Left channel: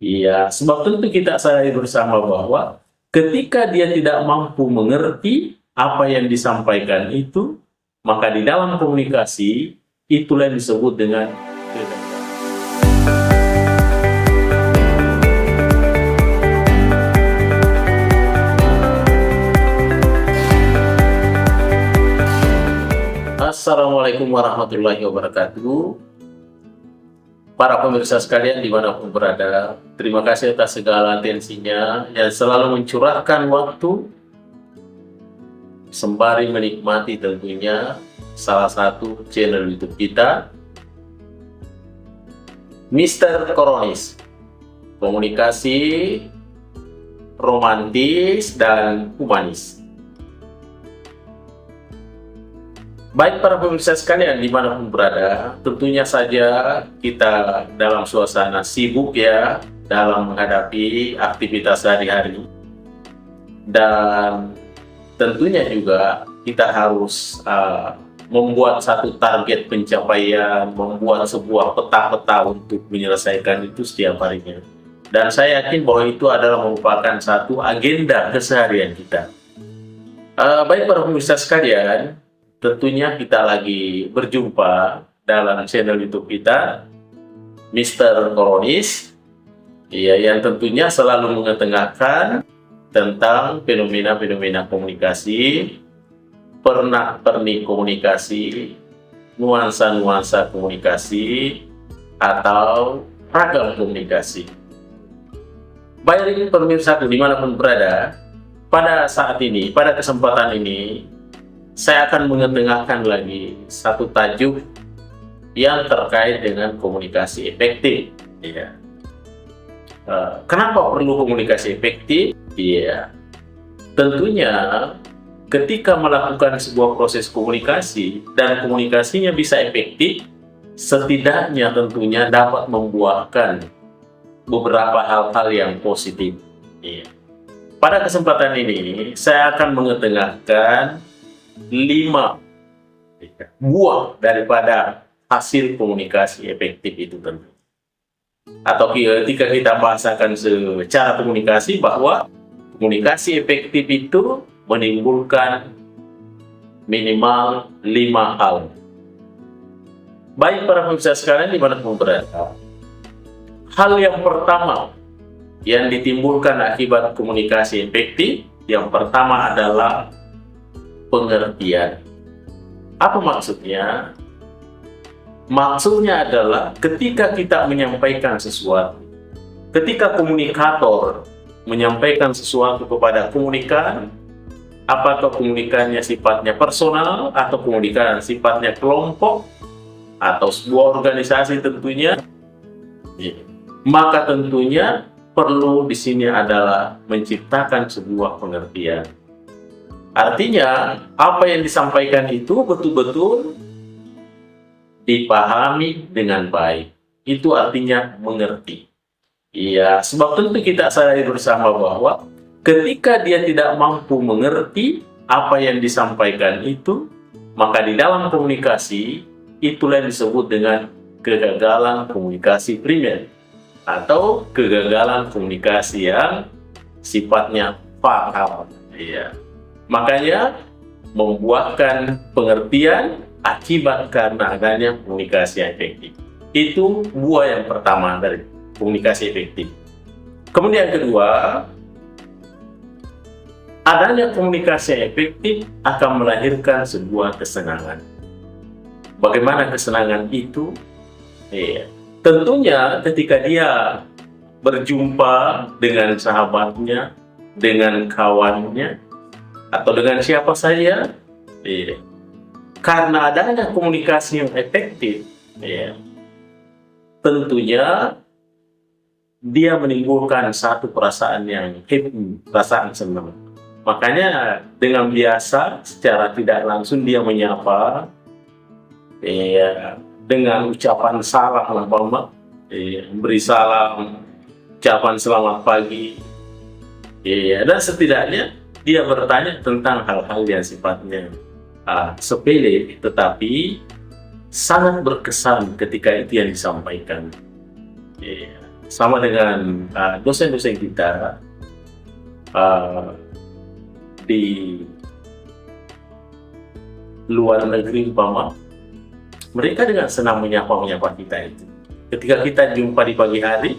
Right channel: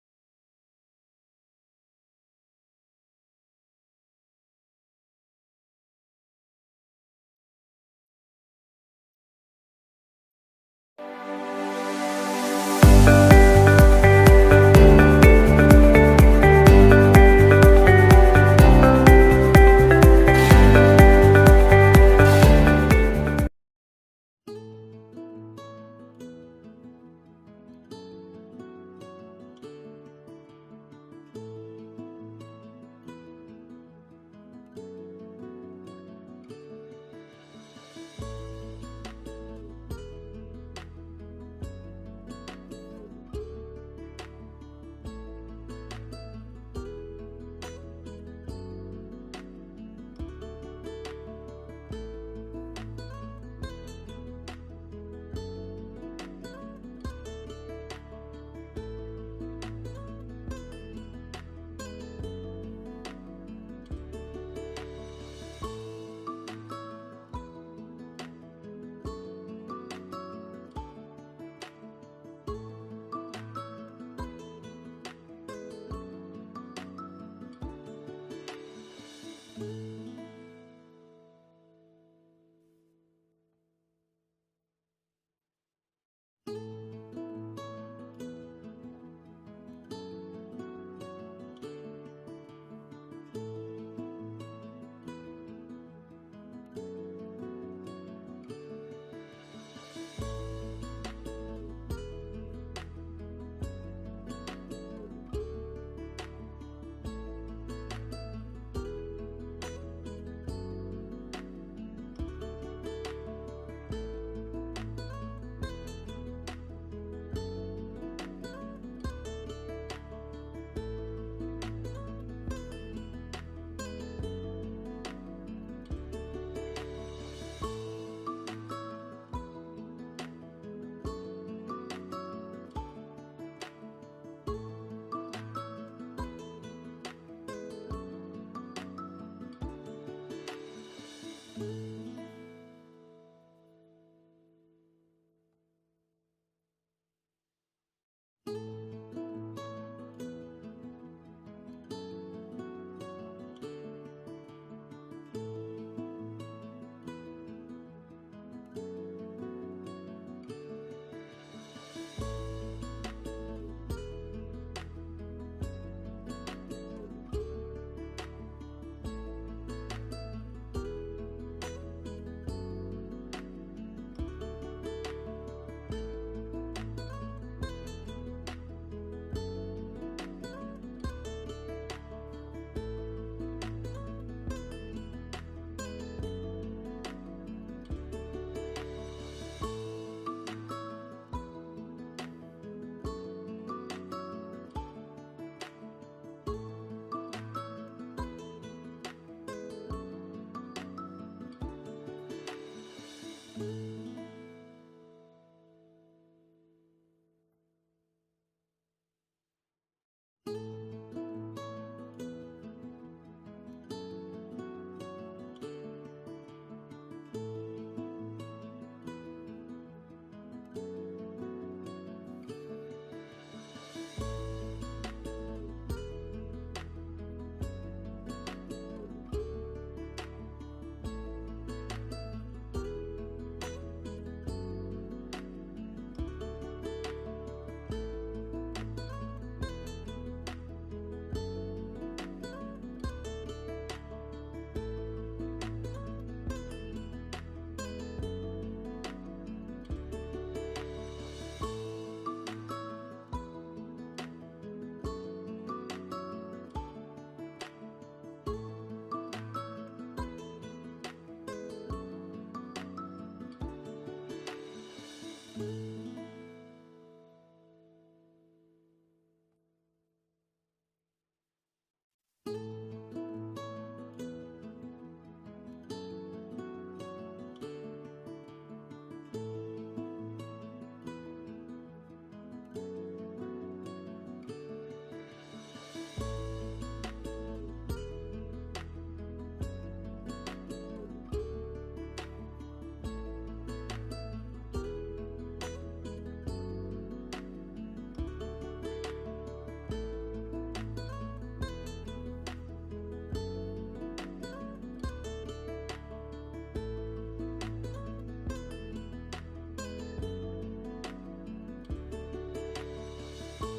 Iya, sebab tentu kita sadari bersama bahwa ketika dia tidak mampu mengerti apa yang disampaikan itu, maka di dalam komunikasi itulah yang disebut dengan Assalamualaikum warahmatullahi wabarakatuh. Para pemirsa sekalian dimanapun berada, terima kasih atas segala atensinya yang selalu mencurahkan waktu sembari menikmati tentunya salah satu channel YouTube kita, Mr. Koronis, komunikasi romantis dan humanis. Baik para pemirsa sekalian dimanapun berada, tentunya saja kita dalam suasana sibuk ya dalam menghadapi aktivitas sehari-hari. Dan tentunya juga kita harus membuat satu target pencapaian, membuat sebuah peta-peta untuk menyelesaikan itu setiap harinya. Dan saya yakin bahwa itu adalah merupakan satu agenda keseharian kita. Baik para pemirsa sekalian, tentunya kita lagi berjumpa dalam channel YouTube kita, Mr. Koronis, ya, yang tentunya selalu mengetengahkan tentang fenomena-fenomena komunikasi, pernak-pernik komunikasi, nuansa-nuansa komunikasi, atau ragam komunikasi. Baik pemirsa dimanapun berada, pada saat ini, pada kesempatan ini, saya akan mengetengahkan lagi satu tajuk yang terkait dengan komunikasi efektif. Ya. Kenapa perlu komunikasi efektif? Ya, tentunya ketika melakukan sebuah proses komunikasi dan komunikasinya bisa efektif, setidaknya tentunya dapat membuahkan beberapa hal-hal yang positif. Ya. Pada kesempatan ini, saya akan mengetengahkan 5 buah daripada hasil komunikasi efektif itu tentu. Atau ketika kita bahasakan secara komunikasi bahwa komunikasi efektif itu menimbulkan minimal 5 hal. Baik para pemirsa sekalian dimanapun berada, hal yang pertama yang ditimbulkan akibat komunikasi efektif, yang pertama adalah pengertian. Apa maksudnya? Maksudnya adalah ketika kita menyampaikan sesuatu, ketika komunikator menyampaikan sesuatu kepada komunikan, apakah komunikannya sifatnya personal atau komunikan sifatnya kelompok atau sebuah organisasi tentunya, maka tentunya perlu di sini adalah menciptakan sebuah pengertian. Artinya, apa yang disampaikan itu betul-betul dipahami dengan baik. Itu artinya mengerti. Iya, sebab tentu kita sadari bersama bahwa ketika dia tidak mampu mengerti apa yang disampaikan itu, maka di dalam komunikasi, itulah yang disebut dengan kegagalan komunikasi primer atau kegagalan komunikasi yang sifatnya paham. Iya. Makanya membuahkan pengertian akibat karena adanya komunikasi yang efektif. Itu buah yang pertama dari komunikasi efektif. Kemudian yang kedua, adanya komunikasi yang efektif akan melahirkan sebuah kesenangan. Bagaimana kesenangan itu? Tentunya ketika dia berjumpa dengan sahabatnya, dengan kawannya, atau dengan siapa saja, karena adanya komunikasi yang efektif, tentunya dia menimbulkan satu perasaan yang happy, perasaan senang. Makanya dengan biasa secara tidak langsung dia menyapa dengan ucapan salam, beri salam, ucapan selamat pagi, dan setidaknya dia bertanya tentang hal-hal yang sifatnya sepele, tetapi sangat berkesan ketika itu yang disampaikan. sama dengan dosen-dosen kita di luar negeri umpama, mereka dengan senang menyapa kita itu. Ketika kita jumpa di pagi hari,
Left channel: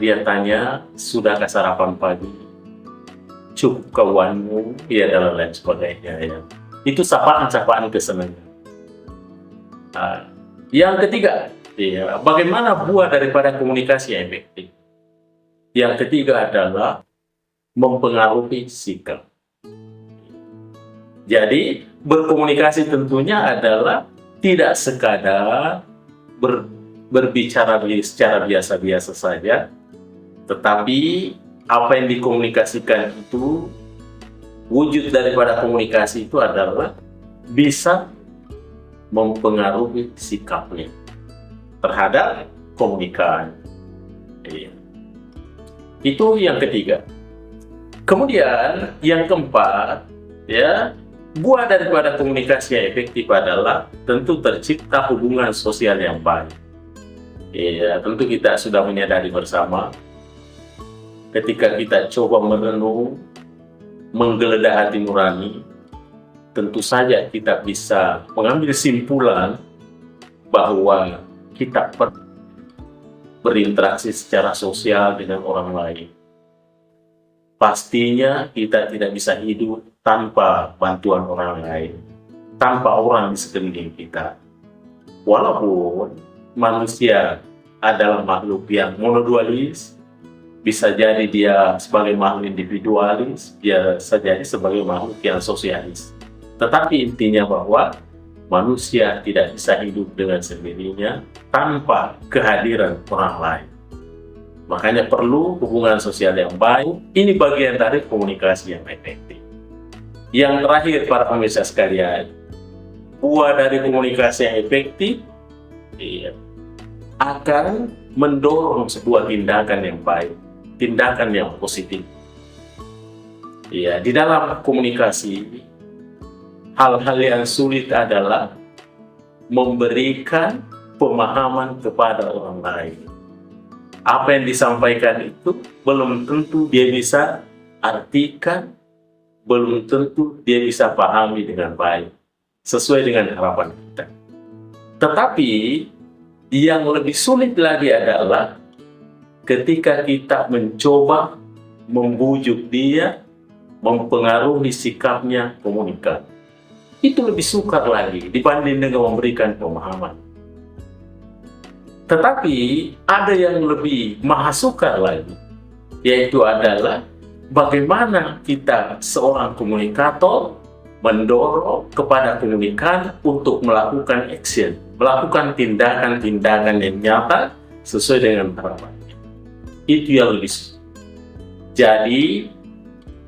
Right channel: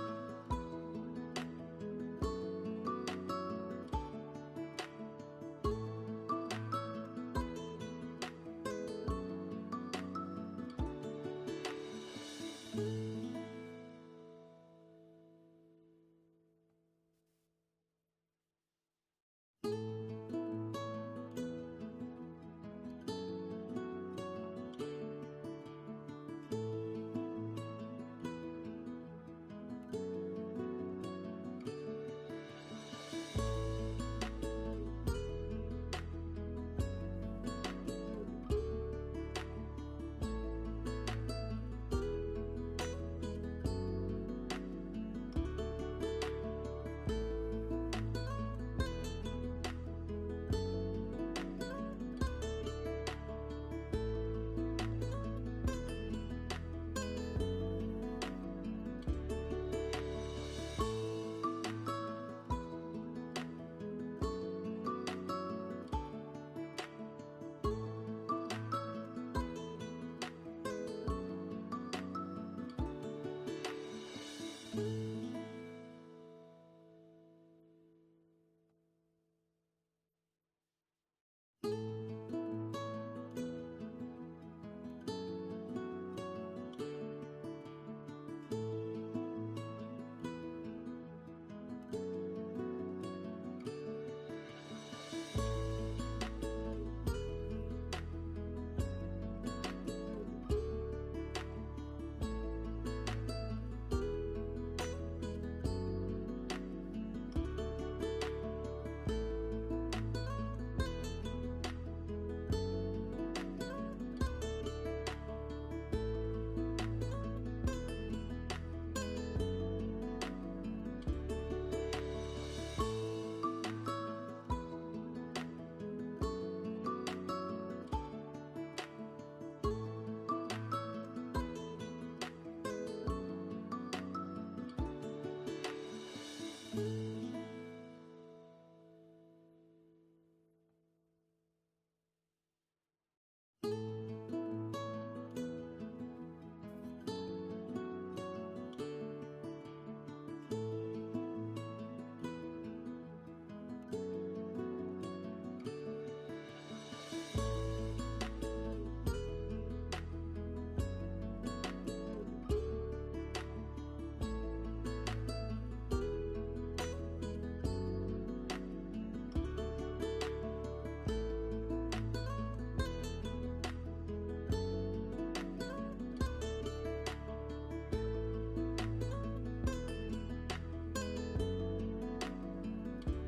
dia tanya, sudahkah sarapan pagi? Cukup kawanmu, dan lain sebagainya. Ya. Itu sapaan-sapaan kesenangan. Yang ketiga, bagaimana buah daripada komunikasi yang efektif? Yang ketiga adalah mempengaruhi sikap. Jadi, berkomunikasi tentunya adalah tidak sekadar berbicara secara biasa-biasa saja, tetapi apa yang dikomunikasikan itu, wujud daripada komunikasi itu adalah bisa mempengaruhi sikapnya terhadap komunikan. Itu yang ketiga. Kemudian yang keempat, buah daripada komunikasi yang efektif adalah tentu tercipta hubungan sosial yang baik. Tentu kita sudah menyadari bersama, ketika kita coba merenung, menggeledah hati nurani, tentu saja kita bisa mengambil kesimpulan bahwa kita berinteraksi secara sosial dengan orang lain. Pastinya kita tidak bisa hidup tanpa bantuan orang lain, tanpa orang di sekeliling kita. Walaupun manusia adalah makhluk yang monodualis, bisa jadi dia sebagai makhluk individualis, dia bisa jadi sebagai makhluk yang sosialis. Tetapi intinya bahwa manusia tidak bisa hidup dengan sendirinya tanpa kehadiran orang lain. Makanya perlu hubungan sosial yang baik. Ini bagian dari komunikasi yang efektif. Yang terakhir, para pemirsa sekalian, buah dari komunikasi yang efektif akan mendorong sebuah tindakan yang baik, tindakan yang positif. Di dalam komunikasi, hal-hal yang sulit adalah memberikan pemahaman kepada orang lain. Apa yang disampaikan itu belum tentu dia bisa artikan, belum tentu dia bisa pahami dengan baik, sesuai dengan harapan kita. Tetapi yang lebih sulit lagi adalah ketika kita mencoba membujuk dia, mempengaruhi sikapnya, komunikasi. Itu lebih sukar lagi dibanding dengan memberikan pemahaman. Tetapi ada yang lebih maha sukar lagi, yaitu adalah bagaimana kita seorang komunikator mendorong kepada komunikan untuk melakukan action, melakukan tindakan-tindakan yang nyata sesuai dengan harapan. Itu yang lebih sulit. Jadi,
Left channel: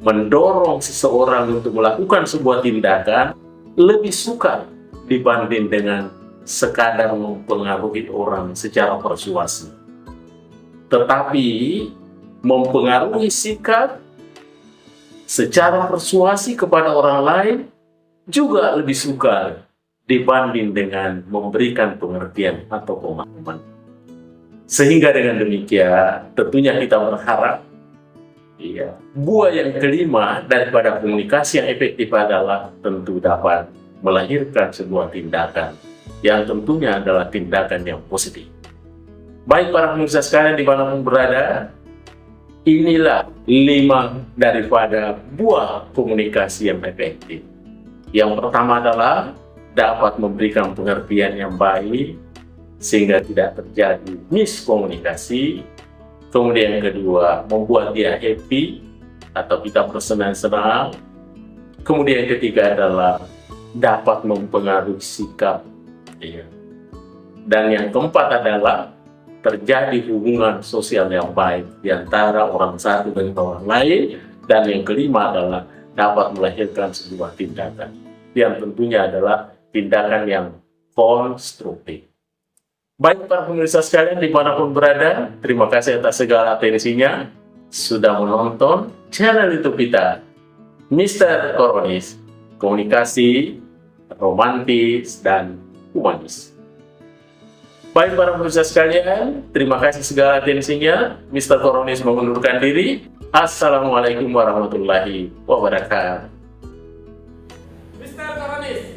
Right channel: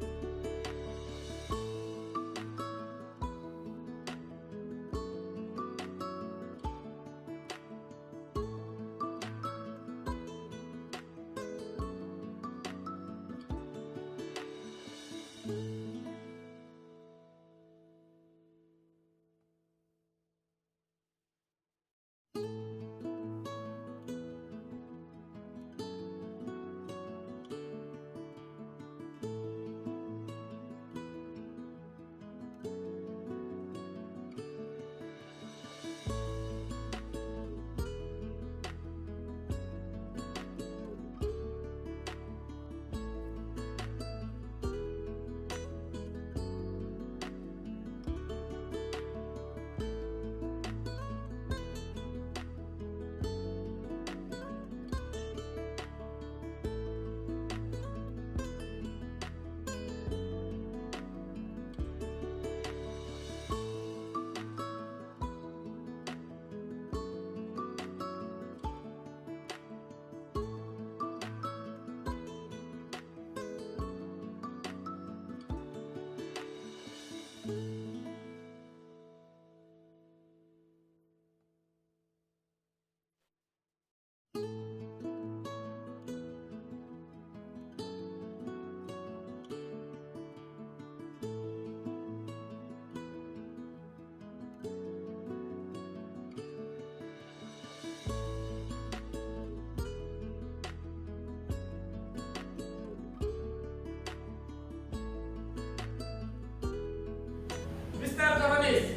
mendorong seseorang untuk melakukan sebuah tindakan lebih sukar dibanding dengan sekadar mempengaruhi orang secara persuasi. Tetapi mempengaruhi sikap secara persuasi kepada orang lain juga lebih sukar dibanding dengan memberikan pengertian atau pemahaman. Sehingga dengan demikian tentunya kita berharap buah yang kelima daripada komunikasi yang efektif adalah tentu dapat melahirkan sebuah tindakan yang tentunya adalah tindakan yang positif. Baik para pemirsa sekalian dimanapun berada, inilah 5 daripada buah komunikasi yang efektif. Yang pertama adalah dapat memberikan pengertian yang baik sehingga tidak terjadi miskomunikasi. Kemudian yang kedua, membuat dia happy atau kita bersenang-senang. Kemudian yang ketiga adalah dapat mempengaruhi sikap. Dan yang keempat adalah terjadi hubungan sosial yang baik di antara orang satu dengan orang lain. Dan yang kelima adalah dapat melahirkan sebuah tindakan yang tentunya adalah tindakan yang konstruktif. Baik para pemirsa sekalian dimanapun berada, terima kasih atas segala atensinya sudah menonton channel YouTube kita, Mr. Koronis, komunikasi romantis dan humanis. Baik para pemirsa sekalian, terima kasih segala atensinya. Mr. Koronis mengundurkan diri. Assalamualaikum warahmatullahi wabarakatuh. Mr. Koronis.